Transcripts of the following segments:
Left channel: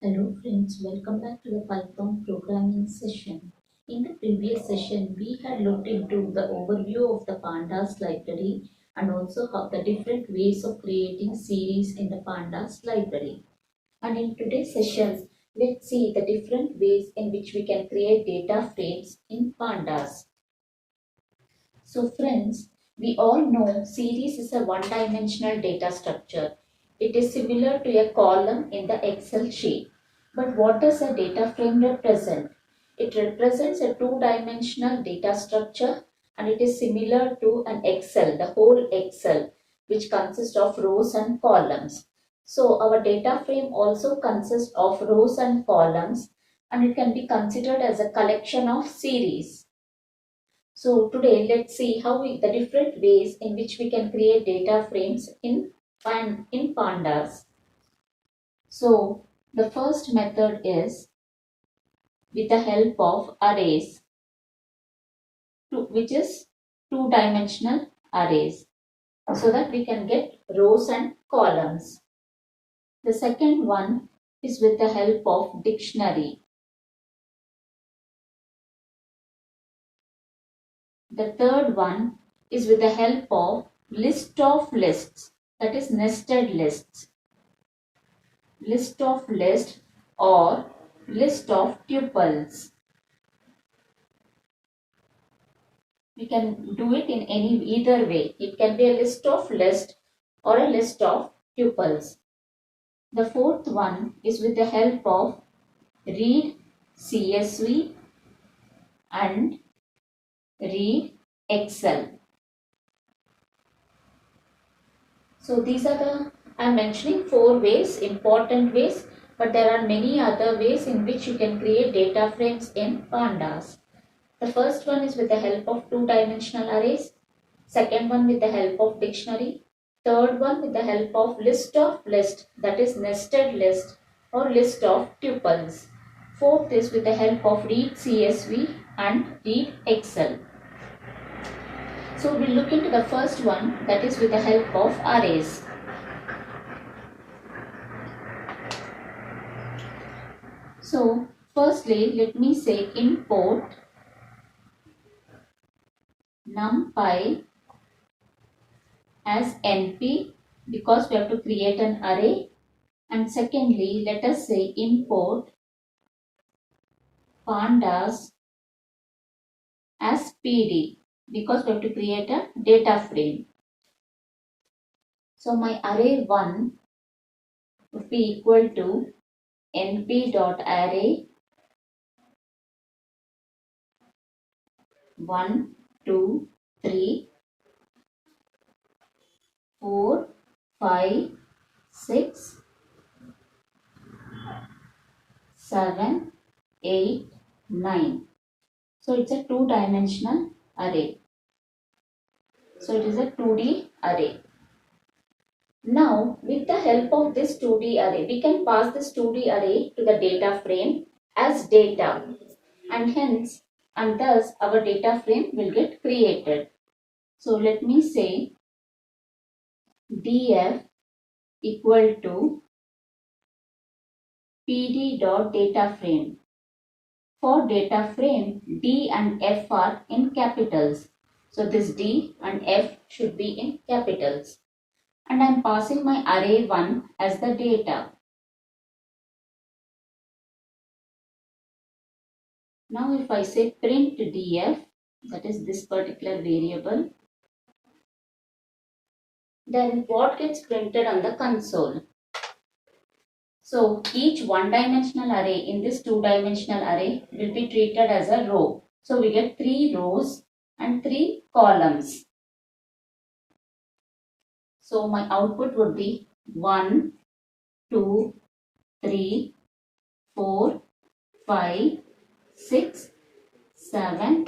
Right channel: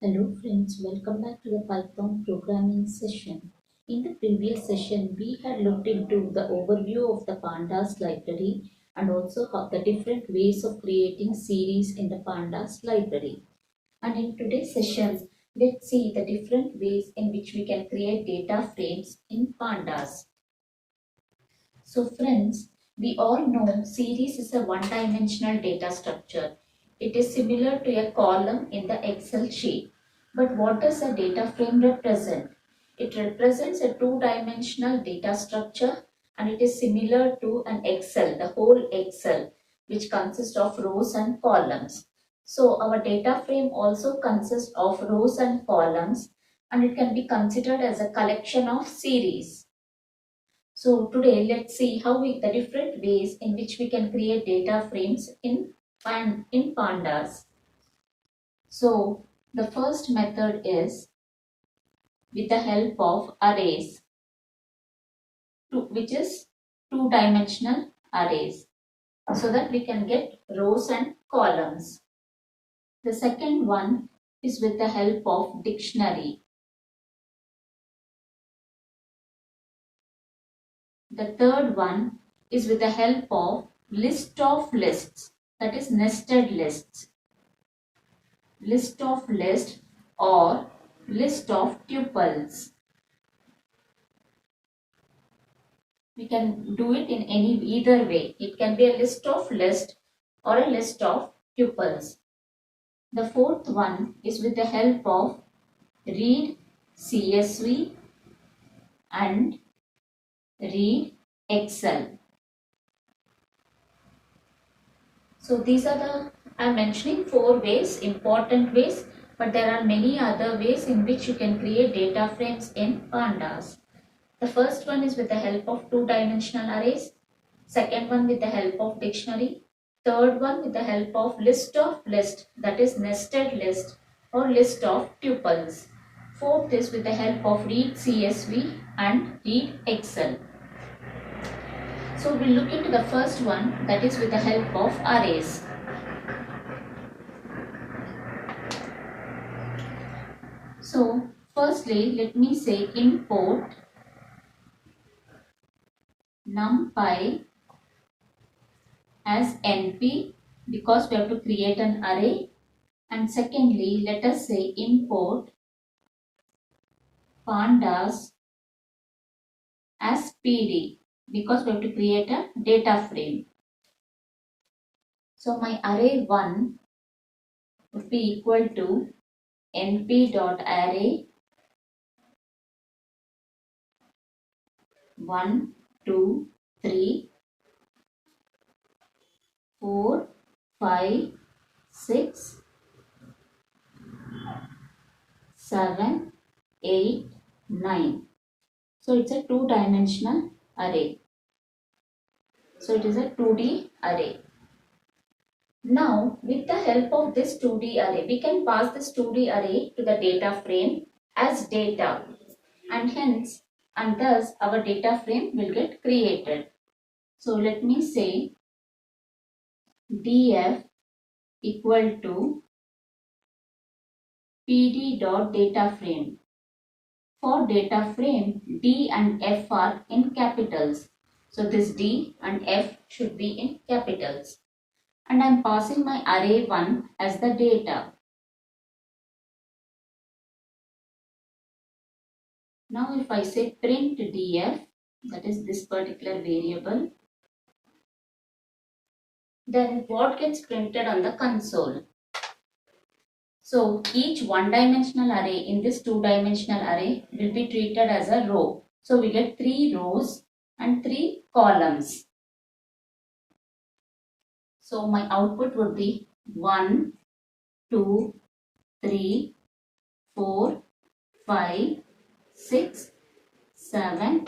Hello friends, welcome back to the Python programming session. In the previous session, we had looked into the overview of the Pandas library and also how the different ways of creating series in the Pandas library. And in today's session, let's see the different ways in which we can create data frames in Pandas. So friends, we all know series is a one-dimensional data structure. It is similar to a column in the Excel sheet. But what does a data frame represent? It represents a two-dimensional data structure and it is similar to an Excel, the whole Excel, which consists of rows and columns. So our data frame also consists of rows and columns and it can be considered as a collection of series. So today let's see the different ways in which we can create data frames in Pandas. So the first method is with the help of arrays, which is two-dimensional arrays, so that we can get rows and columns. The second one is with the help of dictionary. The third one is with the help of list of lists, that is nested lists. List of list or list of tuples. We can do it in either way. It can be a list of list or a list of tuples. The fourth one is with the help of read CSV and read Excel. So these are I'm mentioning 4 ways, important ways, but there are many other ways in which you can create data frames in Pandas. The first one is with the help of two-dimensional arrays. Second one with the help of dictionary. Third one with the help of list of list, that is nested list or list of tuples. Fourth is with the help of read CSV and read Excel. So we'll look into the first one, that is with the help of arrays. So firstly, let me say import numpy as np because we have to create an array, and secondly let us say import pandas as pd because we have to create a data frame. So my array 1 would be equal to np.array 1 2 3 4 5 6 7 8 9. So it's a two-dimensional array. So it is a 2D array. Now with the help of this 2D array, we can pass this 2D array to the data frame as data, and thus our data frame will get created. So let me say df equal to pd.dataframe. For data frame, D and F are in capitals. So this D and F should be in capitals. And I am passing my array 1 as the data. Now if I say print df, that is this particular variable, then what gets printed on the console? So each one-dimensional array in this two-dimensional array will be treated as a row. So we get 3 rows and 3 columns. So my output would be 1, 2, 3, 4, 5, 6, 7,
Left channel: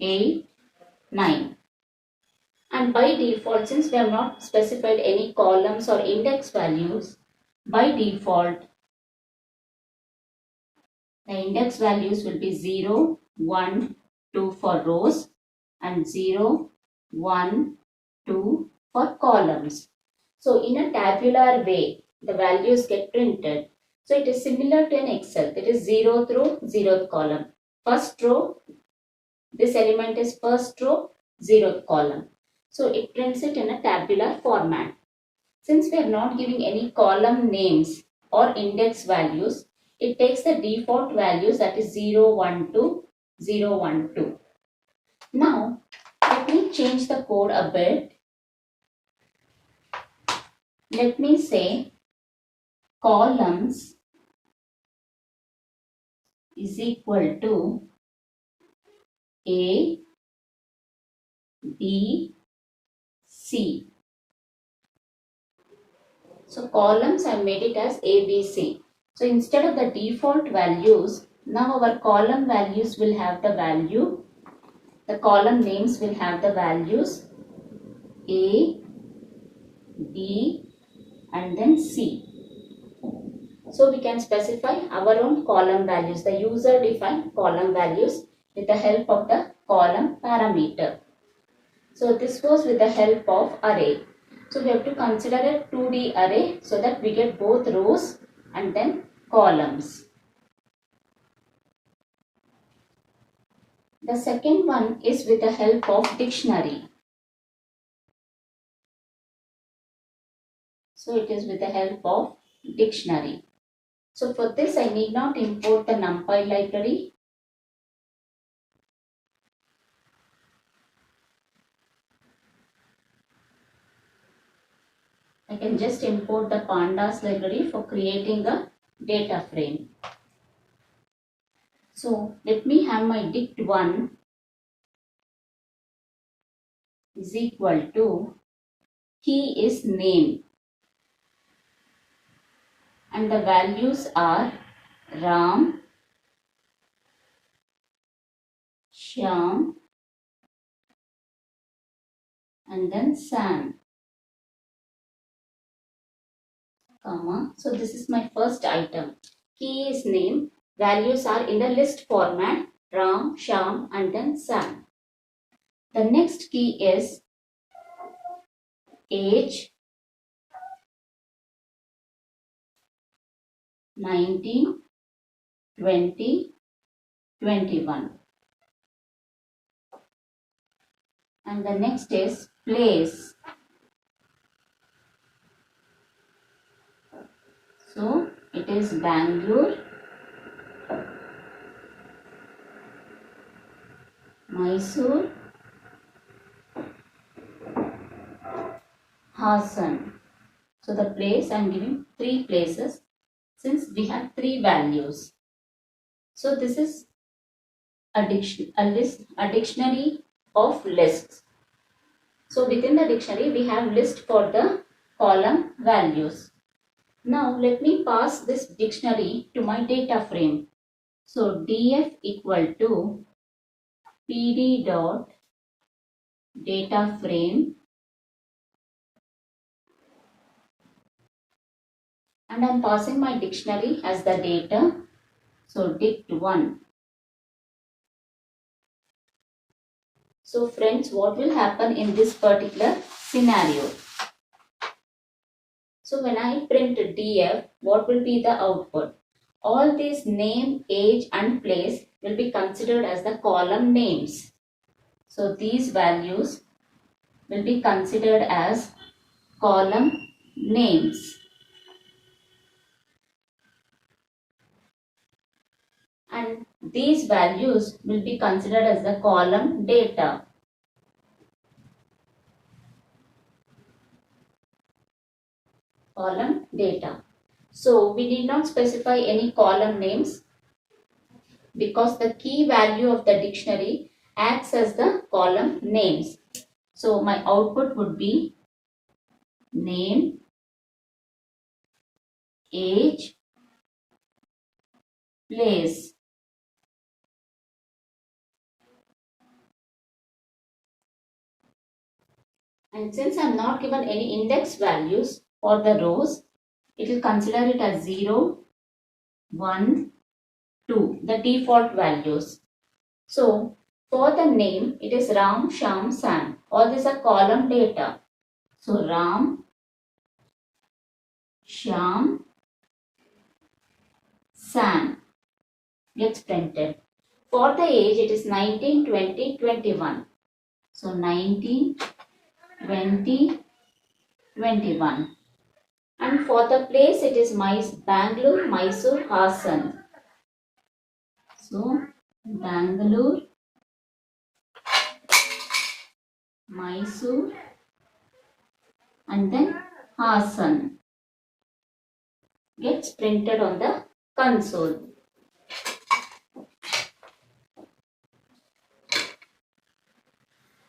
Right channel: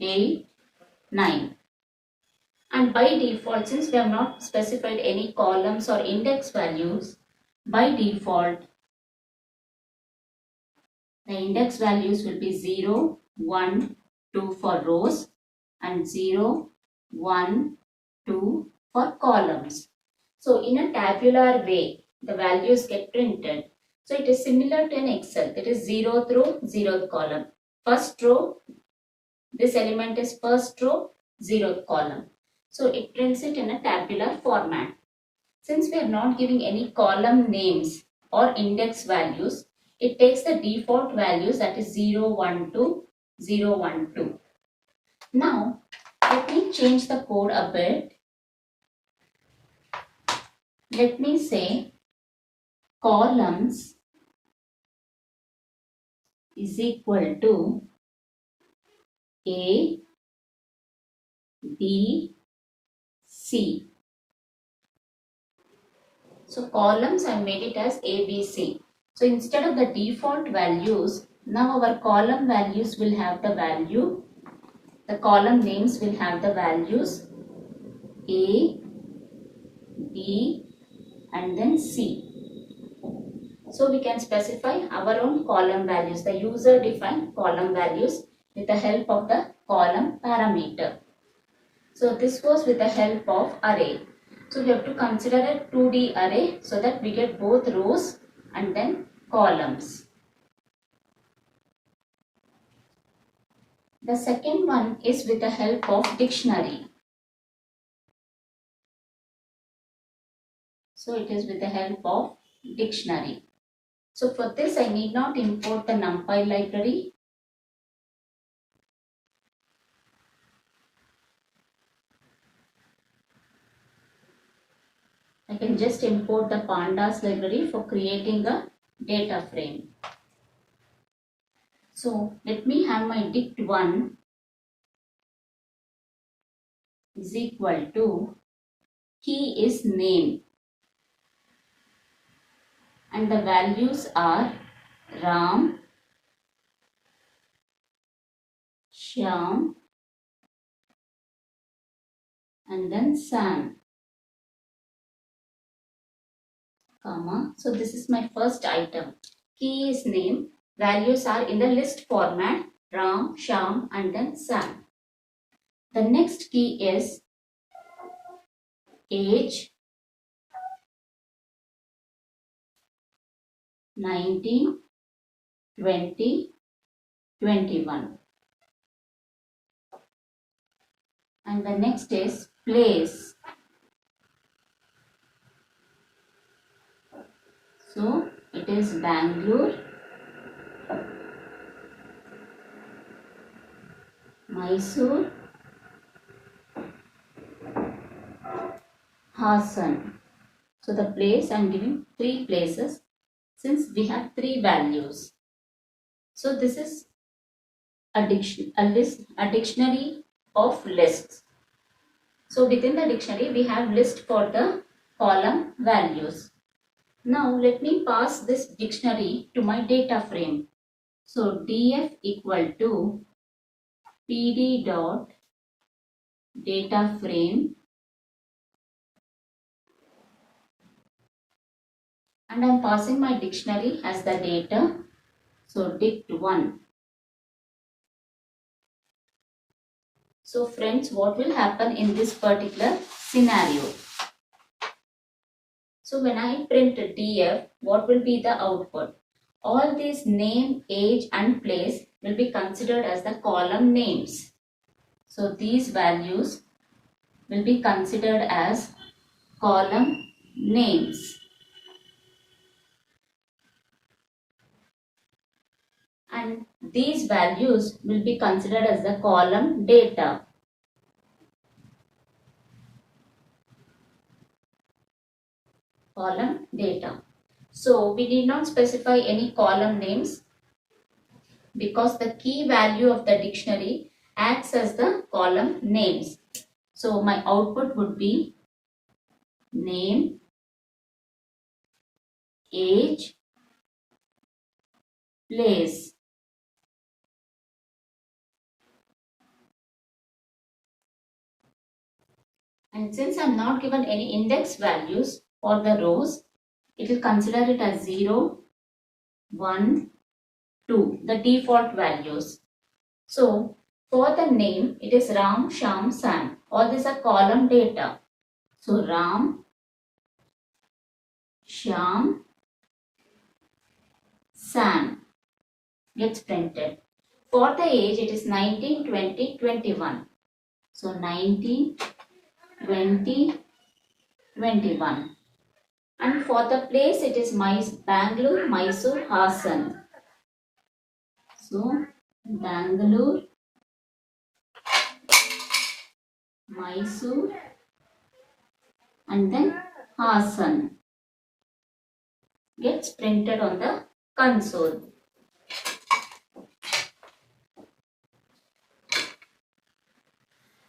8, 9. And by default, since we have not specified any columns or index values, by default, the index values will be 0, 1, 2 for rows and 0, 1, 2 for columns. So in a tabular way, the values get printed. So it is similar to an Excel. It is 0th row, 0th column. First row, this element is first row, 0th column. So it prints it in a tabular format. Since we are not giving any column names or index values, it takes the default values, that is 0, 1, 2, 0, 1, 2. Now, let me change the code a bit. Let me say columns is equal to A, B, C. So columns, I made it as A, B, C. So instead of the default values, now our column values will have the value. The column names will have the values A, B, and then C. So we can specify our own column values, the user defined column values, with the help of the column parameter. So this was with the help of array. So we have to consider a 2D array so that we get both rows and then columns. The second one is with the help of dictionary. So it is with the help of dictionary. So for this I need not import the NumPy library. I can just import the Pandas library for creating a data frame. So let me have my dict1 is equal to key is name, and the values are Ram, Shyam, and then Sam, comma. So this is my first item. Key is name, values are in the list format, Ram, Shyam, and then Sam. The next key is age, 19, 20, 21. And the next is place. So it is Bangalore, Mysore, Hassan. So the place, I am giving 3 places since we have 3 values. So this is a dictionary of lists. So within the dictionary we have list for the column values. Now let me pass this dictionary to my data frame. So df equal to pd dot data frame, and I am passing my dictionary as the data. So dict1. So friends, what will happen in this particular scenario? So when I print df, what will be the output? All these name, age and place will be considered as the column names. So these values will be considered as column names. And these values will be considered as the column data. Column data. So we need not specify any column names because the key value of the dictionary acts as the column names. So my output would be name, age, place. And since I am not given any index values for the rows, it will consider it as 0, 1, 2, the default values. So for the name, it is Ram, Shyam, Sam. All these are column data. So Ram, Shyam, Sam gets printed. For the age, it is 19, 20, 21. So 19, 20, 21. And for the place, it is Bangalore, Mysore, Hassan. So Bangalore, Mysore, and then Hassan gets printed on the console.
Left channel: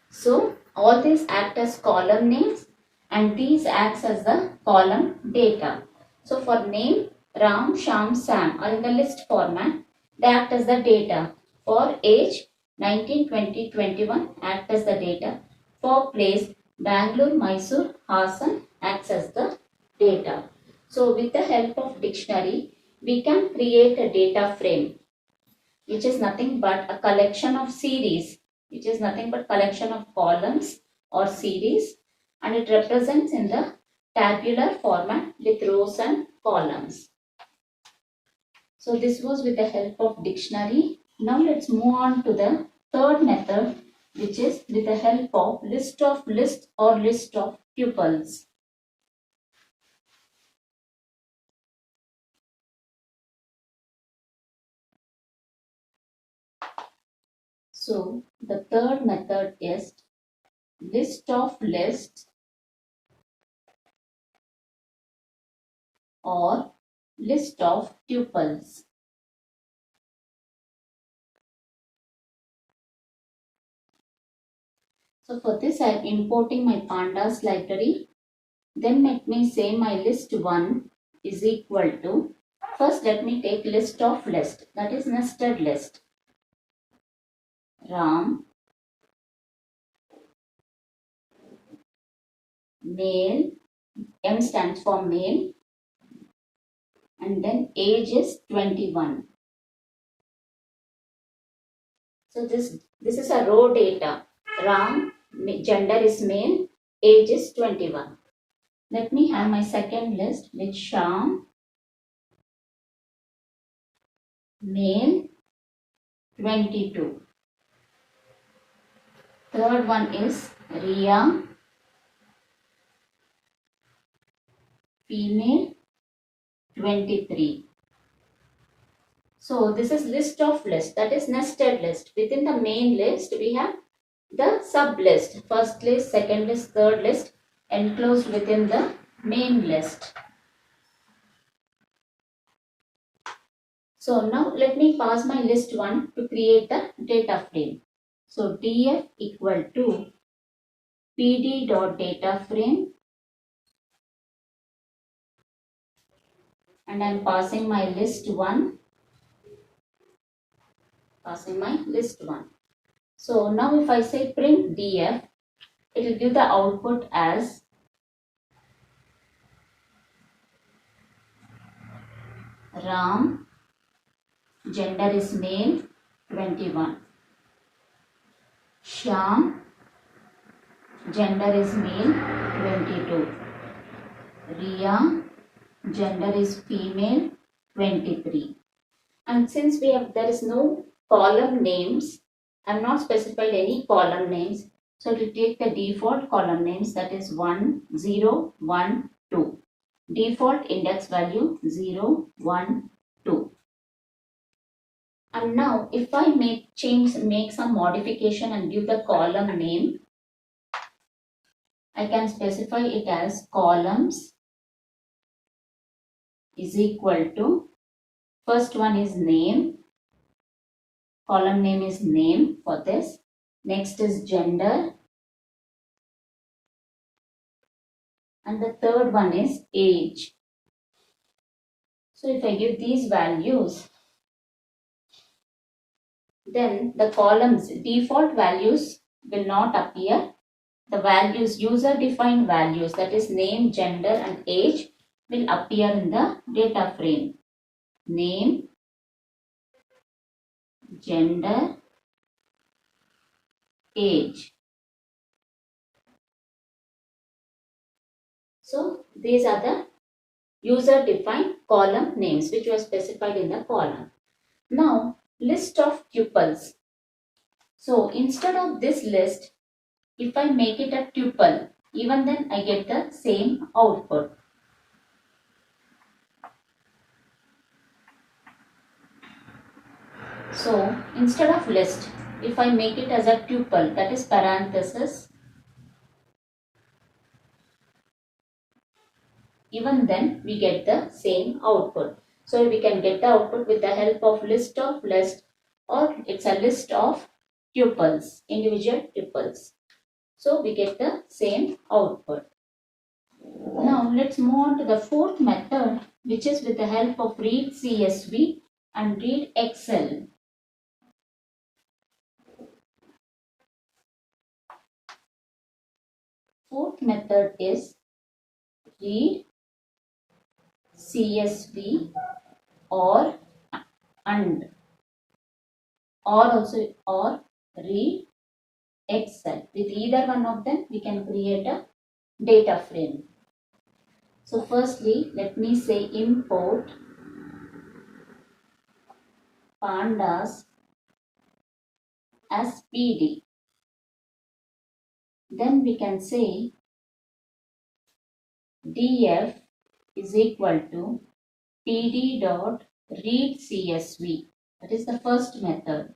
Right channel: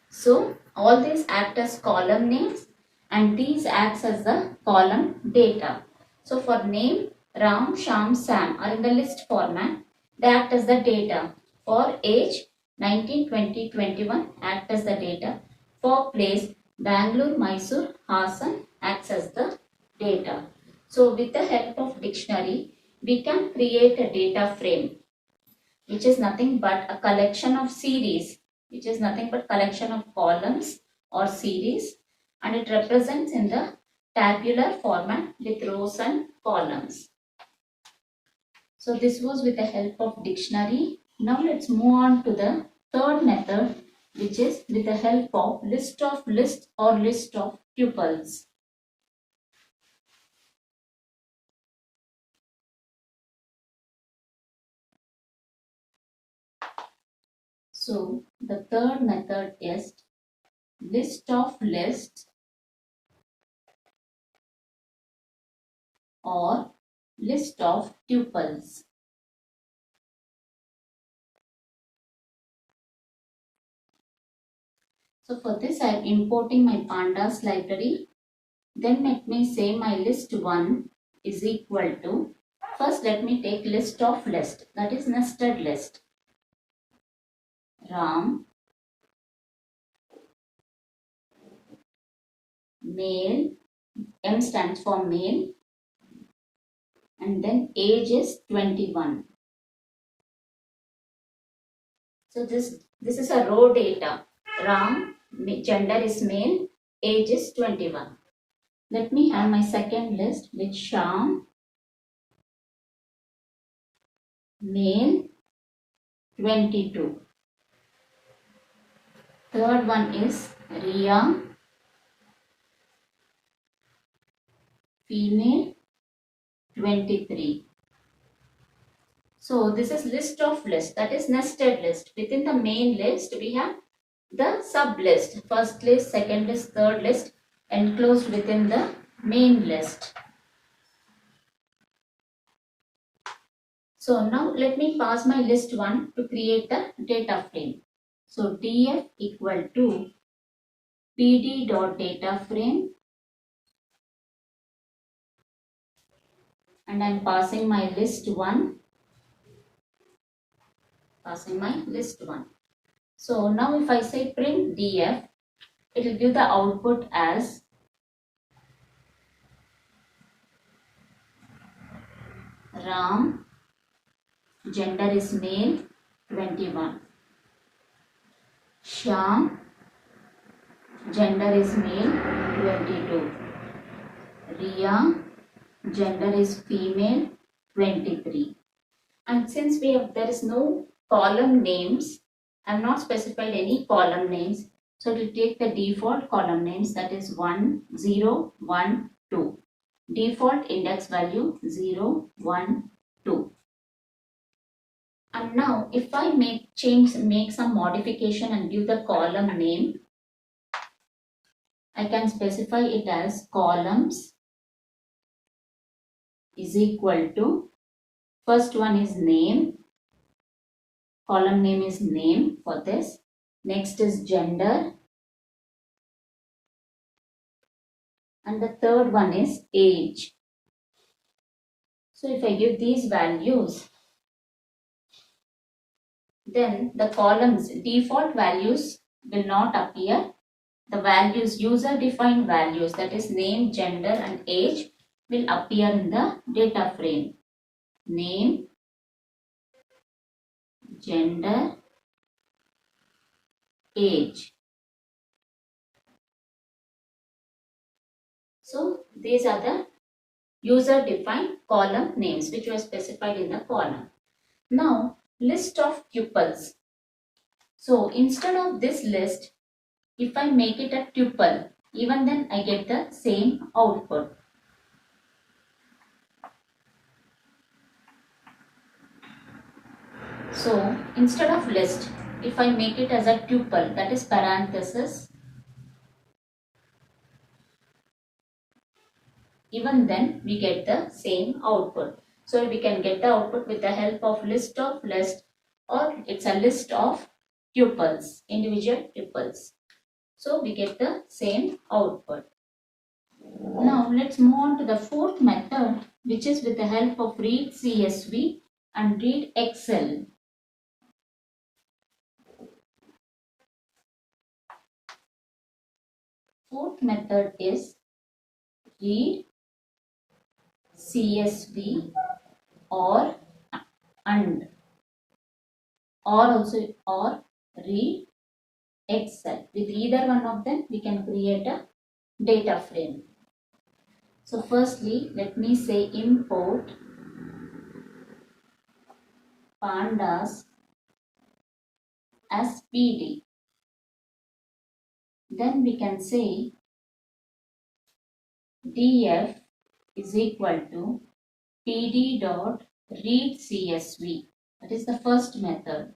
So all these act as column names and these acts as the column data. So for name, Ram, Sham, Sam are in the list format. They act as the data. For age, 19, 20, 21 act as the data. For place, Bangalore, Mysore, Hassan acts as the data. So with the help of dictionary, we can create a data frame, which is nothing but a collection of series, which is nothing but collection of columns or series, and it represents in the tabular format with rows and columns. So this was with the help of dictionary. Now let's move on to the third method, which is with the help of list of lists or list of tuples. So the third method is list of lists or list of tuples. So for this I am importing my Pandas library. Then let me say my list 1 is equal to, first let me take list of list, that is nested list. Ram, male, M stands for male, and then age is 21. So this is a row data. Ram, gender is male, age is 21. Let me have my second list with Sham, male, 22. Third one is Ria, female, 23. So this is list of list, that is nested list. Within the main list we have the sub list, first list, second list, third list enclosed within the main list. So now let me pass my list 1 to create the data frame. So df equal to pd.dataframe, and I am passing my list 1, passing my list 1. So now if I say print df, it will give the output as Ram, gender is male, 21. Sham, gender is male, 22. Ria, gender is female, 23. And since there is no column names, I have not specified any column names. So to take the default column names, that is 1, 0, 1, 2. Default index value 0, 1, 2. And now if I make some modification and give the column name, I can specify it as columns is equal to, first one is name, column name is name for this. Next is gender, and the third one is age. So if I give these values, then the columns default values will not appear. The values, user defined values, that is name, gender and age, will appear in the data frame. Name, gender, age. So these are the user defined column names which was specified in the column. Now list of tuples. So instead of this list, if I make it a tuple, even then I get the same output. So instead of list, if I make it as a tuple, that is parenthesis, even then we get the same output. So we can get the output with the help of list, or it's a list of tuples, individual tuples. So we get the same output. Now let's move on to the fourth method, which is with the help of read CSV and read Excel. Fourth method is read CSV or read Excel. With either one of them, we can create a data frame. So firstly, let me say import pandas as PD. Then we can say df is equal to pd dot read CSV. That is the first method.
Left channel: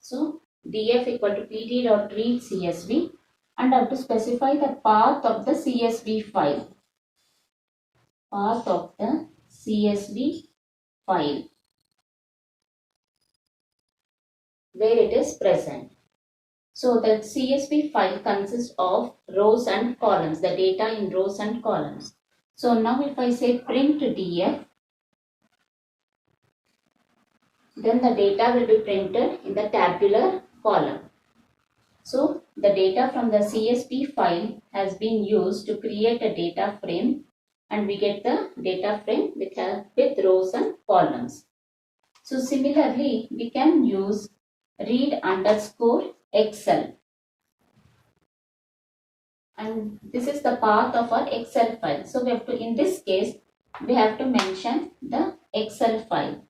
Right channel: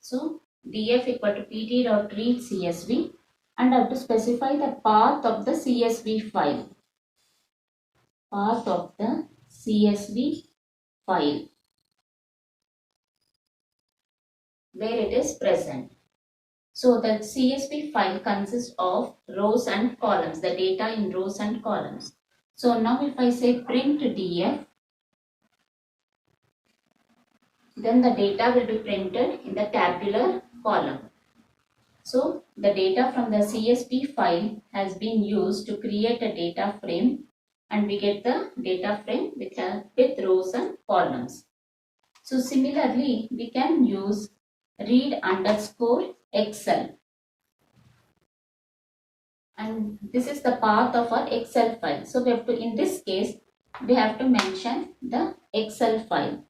So df equal to pd dot read CSV, and I have to specify the path of the CSV file. Path of the CSV file where it is present. So the CSV file consists of rows and columns, the data in rows and columns. So now if I say print df, then the data will be printed in the tabular column. So the data from the CSV file has been used to create a data frame, and we get the data frame with rows and columns. So similarly, we can use read underscore Excel, and this is the path of our Excel file. So we have to, in this case, we have to mention the Excel file,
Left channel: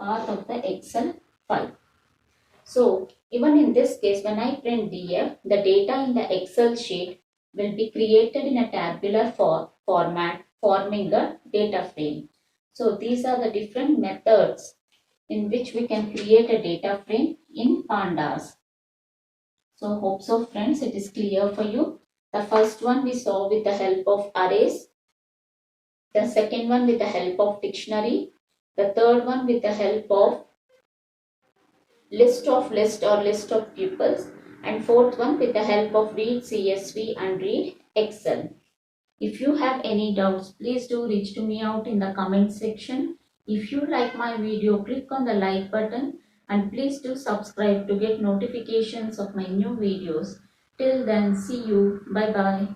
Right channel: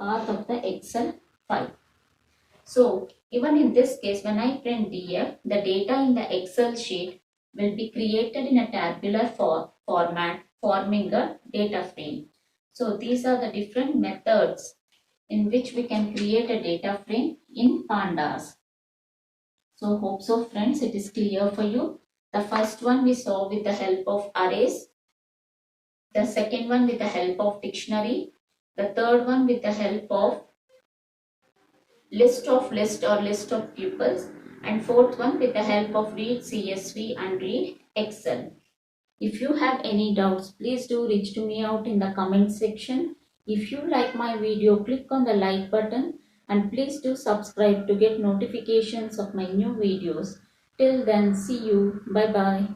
path of the Excel file. So even in this case, when I print df, the data in the Excel sheet will be created in a tabular format, forming the data frame. So these are the different methods in which we can create a data frame in Pandas. So hope so friends, it is clear for you. The first one we saw with the help of arrays. The second one with the help of dictionary. The third one with the help of list or list of tuples, and fourth one with the help of read CSV and read Excel. If you have any doubts, please do reach to me out in the comment section. If you like my video, click on the like button, and please do subscribe to get notifications of my new videos. Till then, see you. Bye bye.